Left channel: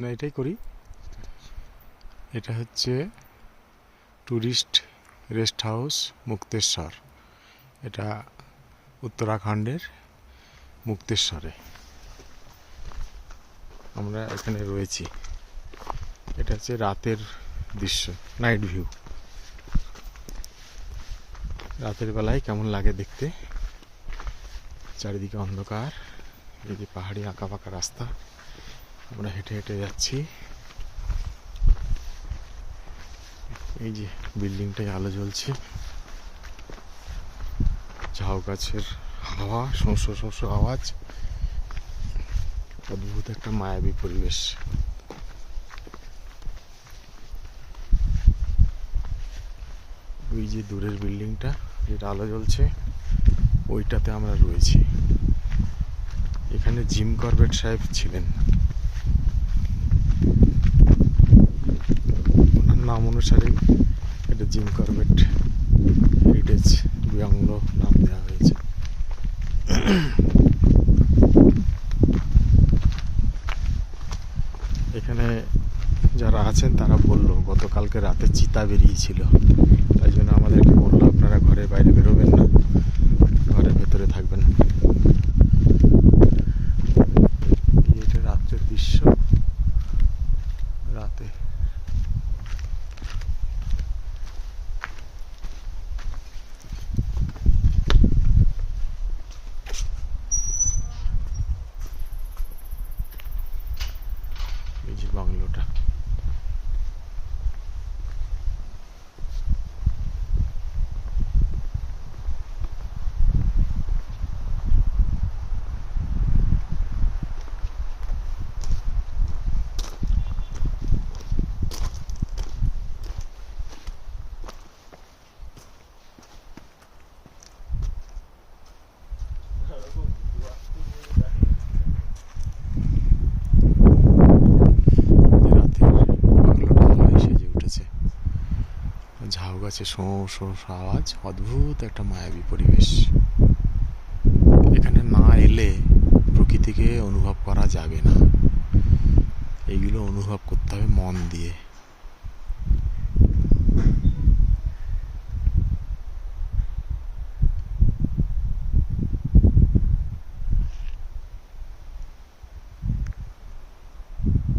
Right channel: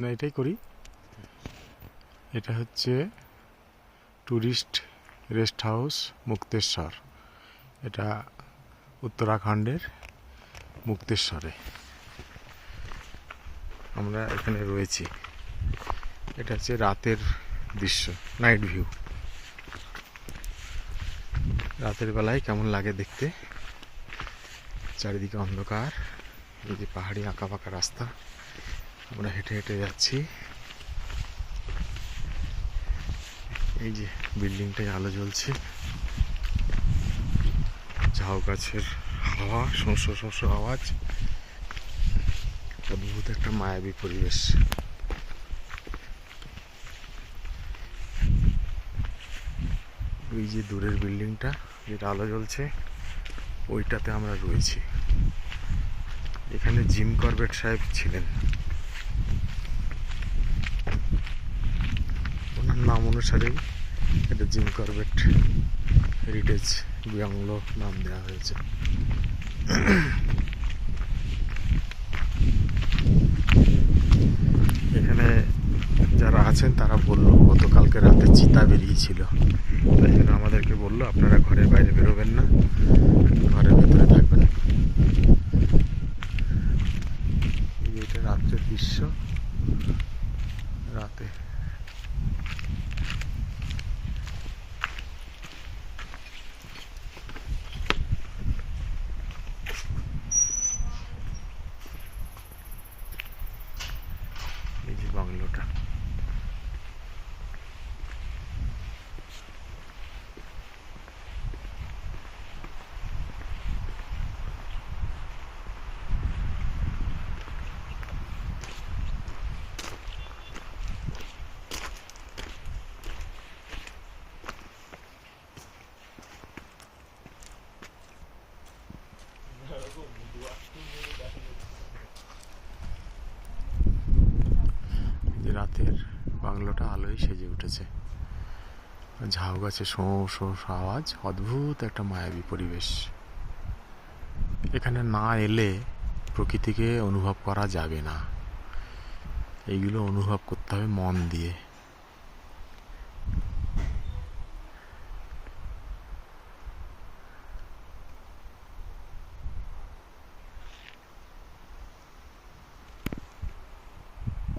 না, এটাই করি। এটা হচ্ছে ট্যুরিস্ট রেস্ট হাউস মুক্তেশ্বর। এটা উত্তরাখণ্ডের মুক্তেশ্বরে আমরা এখানে রয়েছি। এটা হচ্ছে রাতের দৃশ্য, নাইট ভিউ। রাতের বেলায় কেমন লাগে দেখতে। চারিদিকে অন্ধকার, এই যে পাহাড়ি আঁকা পাকা রাস্তা, আমরা হেঁটে হেঁটে যাচ্ছি। এই যে বিল্ডিংটায় আলো জ্বলছে, ঝাউ গাছের হাওয়া, শস্য শস্য আওয়াজ, অদ্ভুত একটা মায়াবী পরিবেশ। ওই যে দূরের বিল্ডিংটা যেটা আলো জ্বলছে, ওইটাতে আমরা রয়েছি। এখানে জিম করবেট সাহেব ছিলেন, ওনার নাম অনুসারেই এটা জিম করবেট হেরিটেজ বাংলো নাম দেওয়া হয়েছে। এখানে যারা আছেন তারা বললো গতকালকে রাতে চিতা বেরিয়েছিল, তাই জন্য আমাদেরকে বললো আপনারা ঘরের বাইরে বেরোবেন না, ঘরের ভেতরে থাকবেন। এটা রাত্রের দৃশ্য। রাতে এই যে বাংলোটা, রাতের বাংলোটা আলোয় সেজে উঠেছে। ঝাউ গাছে শোঁ শোঁ আওয়াজ, অদ্ভুত একটা মায়াবী পরিবেশ। এখানে না এলে প্রকৃতিকে অনুভব করা যাবে না, এইগুলো অনুভব করতে হবে মন দিয়ে।